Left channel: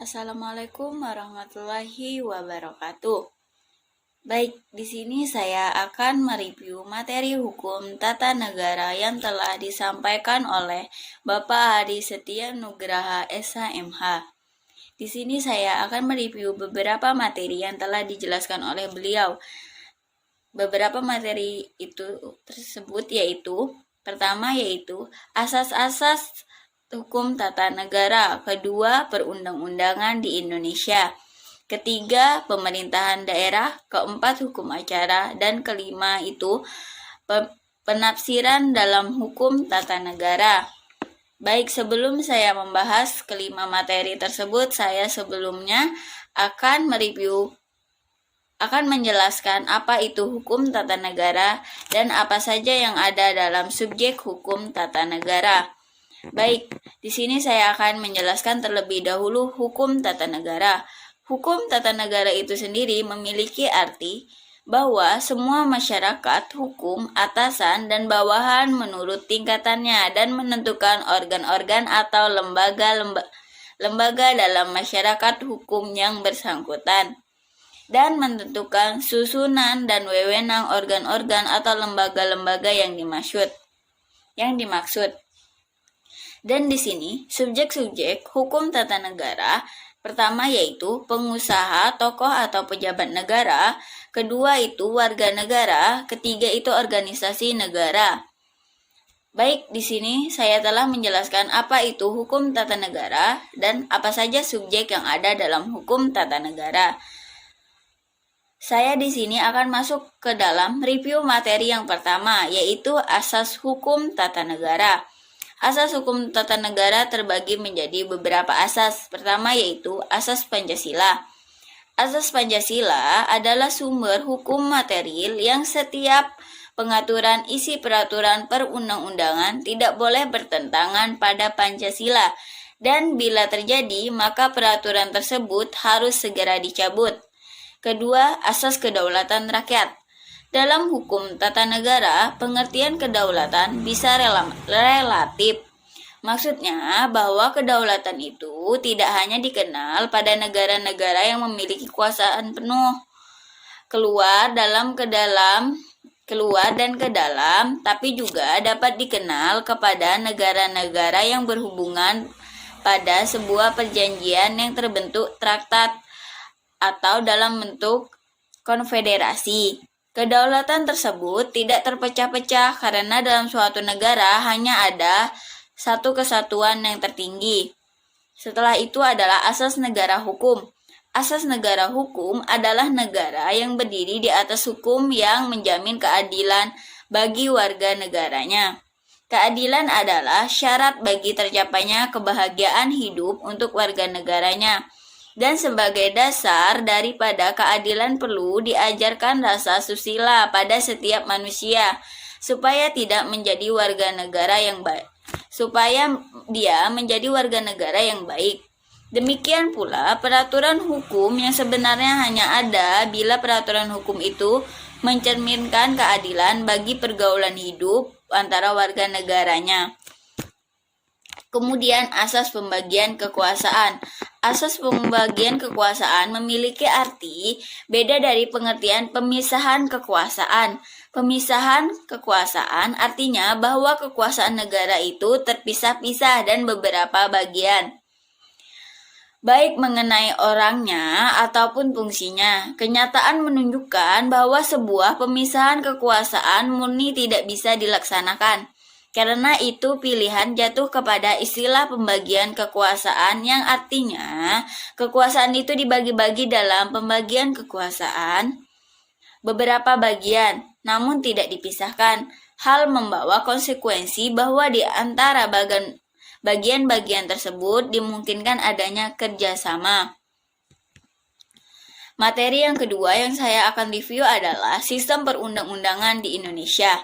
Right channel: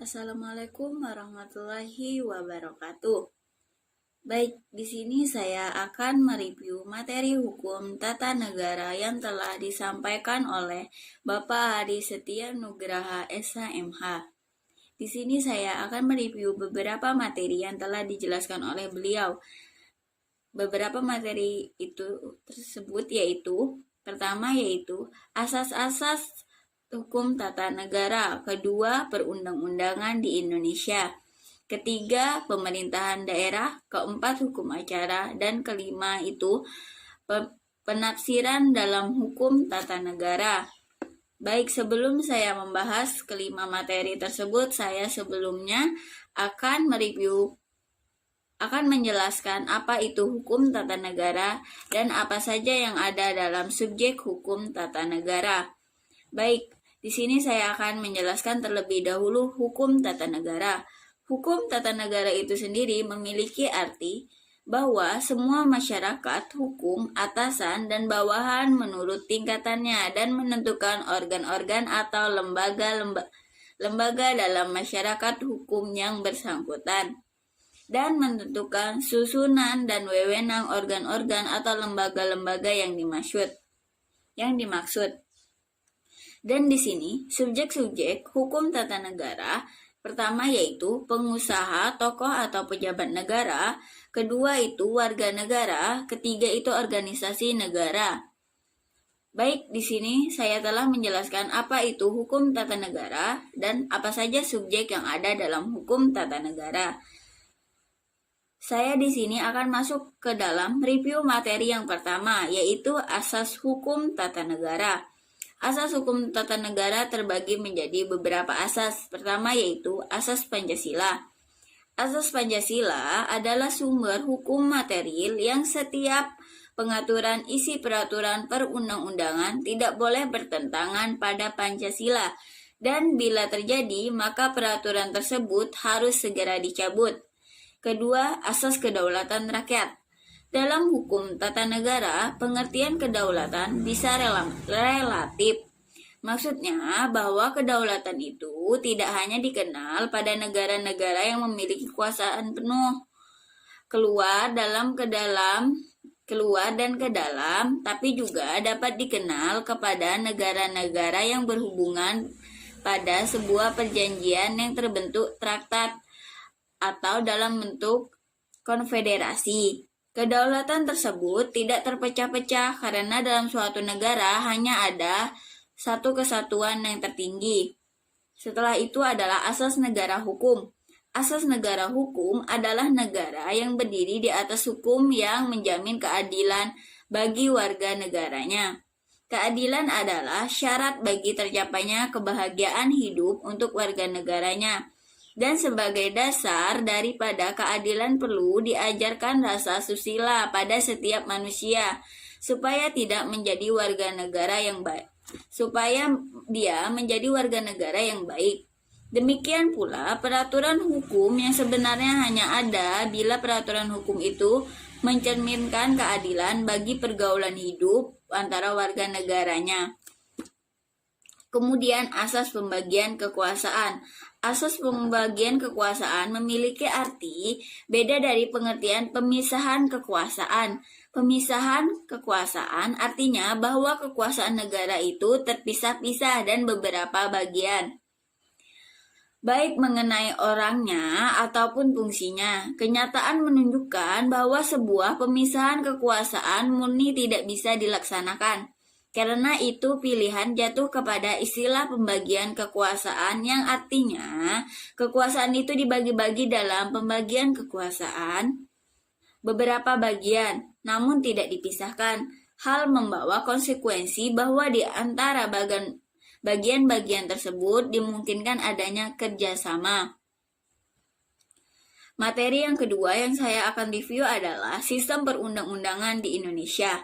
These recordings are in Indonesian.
Assalamualaikum warahmatullahi wabarakatuh. Baik, di sini saya akan mereview materi hukum tata negara yang telah disampaikan oleh Bapak Hadi Setia Nugraha SHMH. Di sini saya akan mereview beberapa materi yang telah dijelaskan oleh beliau. Beberapa materi itu tersebut yaitu pertama yaitu asas-asas hukum tata negara, kedua perundang-undangan di Indonesia, ketiga pemerintahan daerah, keempat hukum acara, dan kelima itu penafsiran dalam hukum tata negara. Baik, sebelum saya membahas kelima materi tersebut, saya sebelumnya akan menjelaskan apa itu hukum tata negara dan apa saja yang ada dalam subjek hukum tata negara. Baik, di sini saya akan menjelaskan terlebih dahulu hukum tata negara. Hukum tata negara itu sendiri memiliki arti bahwa semua masyarakat hukum, atasan, dan bawahan menurut tingkatannya dan menentukan organ-organ atau lembaga dalam masyarakat hukum yang bersangkutan dan menentukan susunan dan wewenang organ-organ atau lembaga-lembaga yang dimaksud. Dan di sini subjek-subjek hukum tata negara pertama yaitu pengusaha, tokoh atau pejabat negara, kedua itu warga negara, ketiga itu organisasi negara. Baik, di sini saya telah menjelaskan apa itu hukum tata negara dan apa saja subjek yang ada dalam hukum tata negara. Saya di sini akan masuk ke dalam review materi yang pertama, yaitu asas hukum tata negara. Asas hukum tata negara terbagi menjadi beberapa asas. Pertama yaitu asas Pancasila. Asas Pancasila adalah sumber hukum material yang setiap pengaturan isi peraturan perundang-undangan tidak boleh bertentangan pada Pancasila, dan bila terjadi maka peraturan tersebut harus segera dicabut. Kedua, asas kedaulatan rakyat. Dalam hukum tata negara, pengertian kedaulatan bisa relatif. Maksudnya bahwa kedaulatan itu tidak hanya dikenal pada negara-negara yang memiliki kekuasaan penuh, keluar dan ke dalam, tapi juga dapat dikenal kepada negara-negara yang berhubungan pada sebuah perjanjian yang terbentuk traktat atau dalam bentuk konfederasi. Kedaulatan tersebut tidak terpecah-pecah karena dalam suatu negara hanya ada satu kesatuan yang tertinggi. Setelah itu adalah asas negara hukum. Asas negara hukum adalah negara yang berdiri di atas hukum yang menjamin keadilan bagi warga negaranya. Keadilan adalah syarat bagi tercapainya kebahagiaan hidup untuk warga negaranya. Dan sebagai dasar daripada keadilan perlu diajarkan rasa susila pada setiap manusia supaya tidak menjadi warga negara yang baik, supaya dia menjadi warga negara yang baik. Demikian pula peraturan hukum yang sebenarnya hanya ada bila peraturan hukum itu mencerminkan keadilan bagi pergaulan hidup antara warga negaranya. Kemudian asas pembagian kekuasaan. Asas pembagian kekuasaan memiliki arti beda dari pengertian pemisahan kekuasaan. Pemisahan kekuasaan artinya bahwa kekuasaan negara itu terpisah-pisah dan beberapa bagian, baik mengenai orangnya ataupun fungsinya. Kenyataan menunjukkan bahwa sebuah pemisahan kekuasaan murni tidak bisa dilaksanakan. Karena itu pilihan jatuh kepada istilah pembagian kekuasaan yang artinya kekuasaan itu dibagi-bagi dalam pembagian kekuasaan beberapa bagian, namun tidak dipisahkan. Hal membawa konsekuensi bahwa di antara bagian-bagian tersebut dimungkinkan adanya kerjasama. Materi yang kedua yang saya akan review adalah sistem perundang-undangan di Indonesia.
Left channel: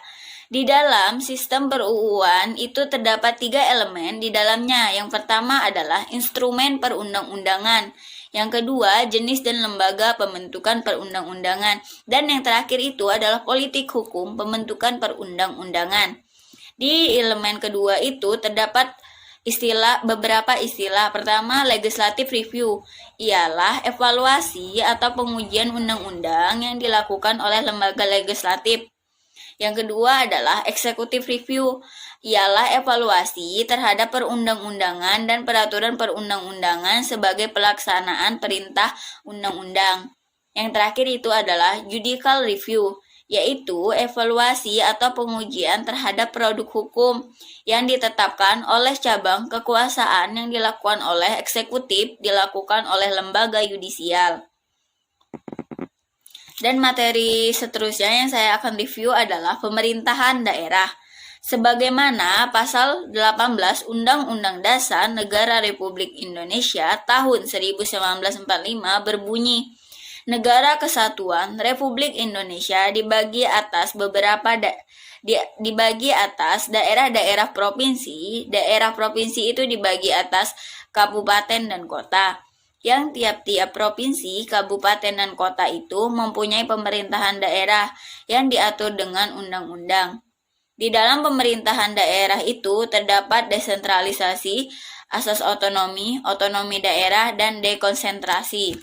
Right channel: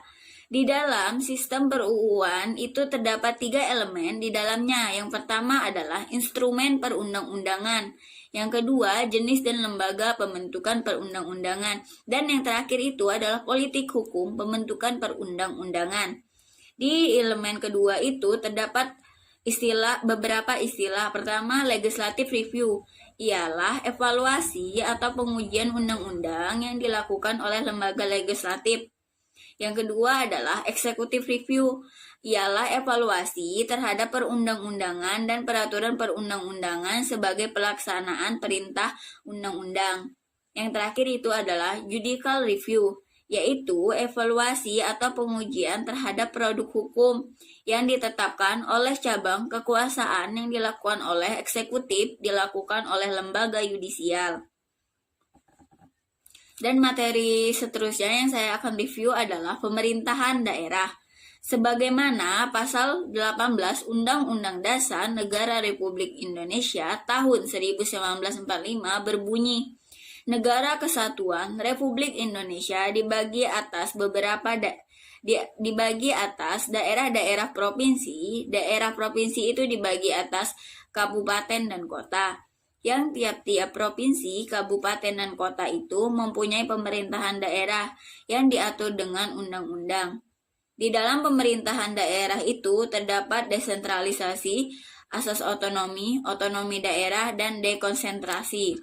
Di dalam sistem per-UUan itu terdapat 3 elemen di dalamnya. Yang pertama adalah instrumen perundang-undangan. Yang kedua, jenis dan lembaga pembentukan perundang-undangan. Dan yang terakhir itu adalah politik hukum pembentukan perundang-undangan. Di elemen kedua itu terdapat beberapa istilah. Pertama, legislative review ialah evaluasi atau pengujian undang-undang yang dilakukan oleh lembaga legislatif. Yang kedua adalah executive review, ialah evaluasi terhadap perundang-undangan dan peraturan perundang-undangan sebagai pelaksanaan perintah undang-undang. Yang terakhir itu adalah judicial review, yaitu evaluasi atau pengujian terhadap produk hukum yang ditetapkan oleh cabang kekuasaan yang dilakukan oleh eksekutif, dilakukan oleh lembaga yudisial. Dan materi seterusnya yang saya akan review adalah pemerintahan daerah. Sebagaimana pasal 18 Undang-Undang Dasar Negara Republik Indonesia tahun 1945 berbunyi, Negara Kesatuan Republik Indonesia dibagi atas dibagi atas daerah-daerah provinsi. Daerah provinsi itu dibagi atas kabupaten dan kota. Yang tiap-tiap provinsi, kabupaten dan kota itu mempunyai pemerintahan daerah yang diatur dengan undang-undang. Di dalam pemerintahan daerah itu terdapat desentralisasi, asas otonomi, otonomi daerah, dan dekonsentrasi.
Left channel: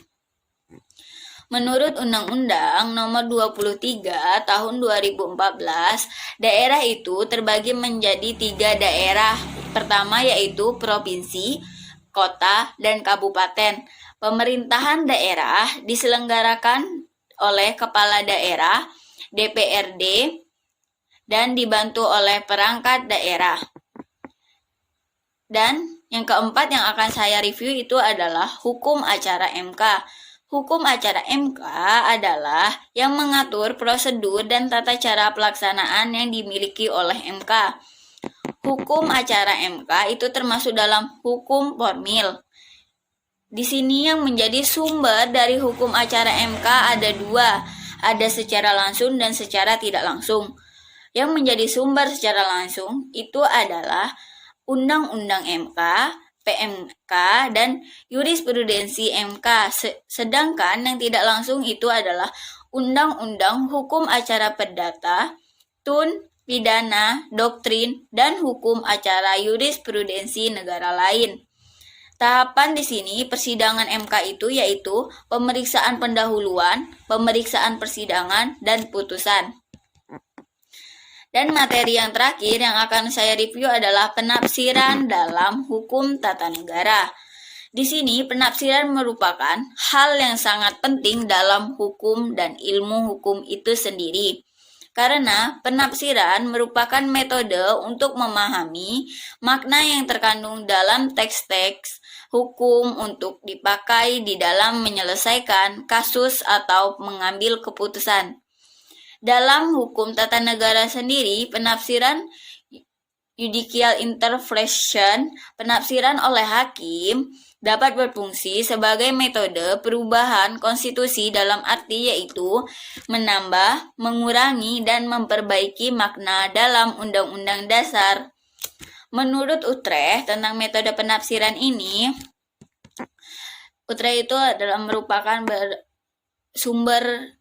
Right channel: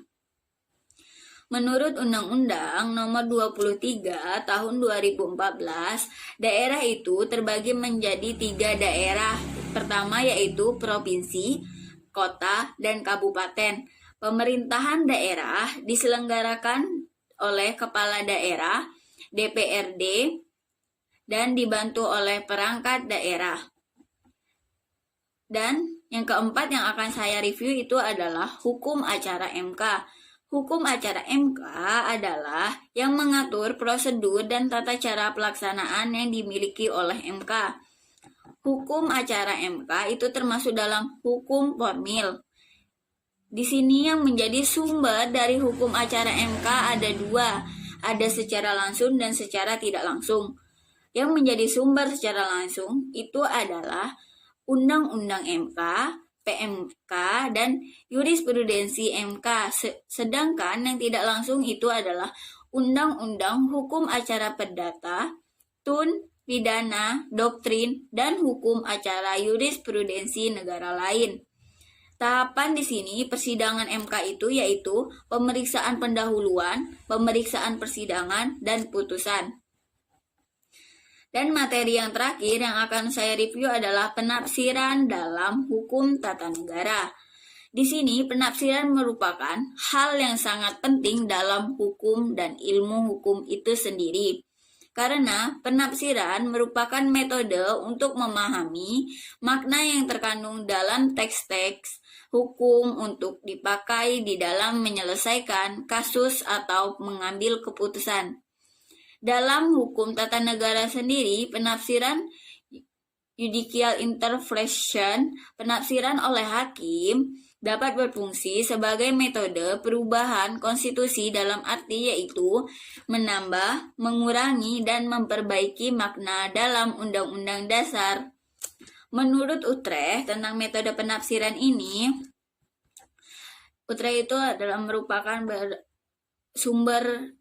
Menurut Undang-Undang Nomor 23 Tahun 2014, daerah itu terbagi menjadi 3 daerah. Pertama yaitu provinsi, kota, dan kabupaten. Pemerintahan daerah diselenggarakan oleh kepala daerah, DPRD, dan dibantu oleh perangkat daerah. Dan yang keempat yang akan saya review itu adalah hukum acara MK. Hukum acara MK adalah yang mengatur prosedur dan tata cara pelaksanaan yang dimiliki oleh MK. Hukum acara MK itu termasuk dalam hukum formil. Di sini yang menjadi sumber dari hukum acara MK ada 2, ada secara langsung dan secara tidak langsung. Yang menjadi sumber secara langsung itu adalah Undang-Undang MK, PMK, dan jurisprudensi MK. Sedangkan yang tidak langsung itu adalah Undang-Undang Hukum Acara Perdata, TUN, Pidana, Doktrin, dan Hukum Acara Jurisprudensi negara lain. Tahapan di sini persidangan MK itu yaitu pemeriksaan pendahuluan, pemeriksaan persidangan, dan putusan. Dan materi yang terakhir yang akan saya review adalah penafsiran dalam hukum tata negara. Di sini penafsiran merupakan hal yang sangat penting dalam hukum dan ilmu hukum itu sendiri. Karena penafsiran merupakan metode untuk memahami makna yang terkandung dalam teks-teks hukum untuk dipakai di dalam menyelesaikan kasus atau mengambil keputusan. Dalam hukum tata negara sendiri, penafsiran judicial interpretation, penafsiran oleh hakim, dapat berfungsi sebagai metode perubahan konstitusi dalam arti yaitu menambah, mengurangi, dan memperbaiki makna dalam undang-undang dasar. Menurut Utrecht tentang metode penafsiran ini, Utrecht itu adalah merupakan sumber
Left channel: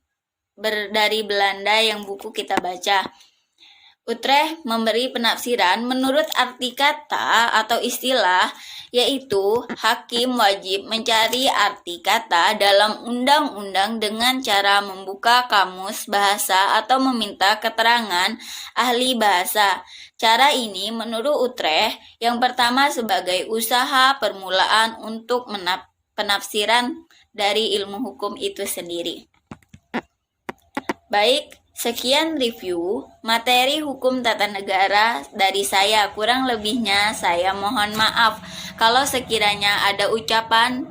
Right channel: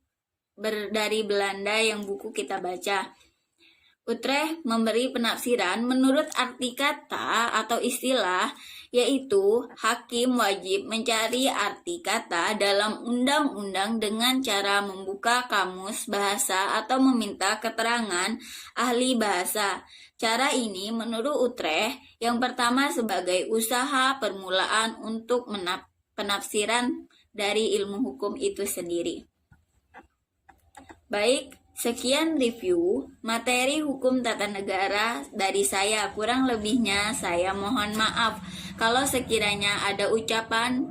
dari Belanda yang buku kita baca. Utrecht memberi penafsiran menurut arti kata atau istilah, yaitu hakim wajib mencari arti kata dalam undang-undang dengan cara membuka kamus bahasa atau meminta keterangan ahli bahasa. Cara ini menurut Utrecht yang pertama sebagai usaha permulaan untuk penafsiran dari ilmu hukum itu sendiri. Baik, sekian review materi hukum tata negara dari saya. Kurang lebihnya saya mohon maaf kalau sekiranya ada ucapan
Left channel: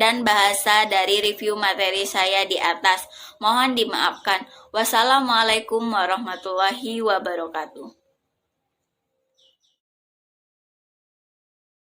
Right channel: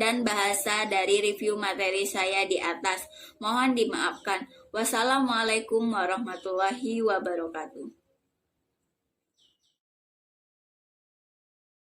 dan bahasa dari review materi saya di atas. Mohon dimaafkan. Wassalamualaikum warahmatullahi wabarakatuh.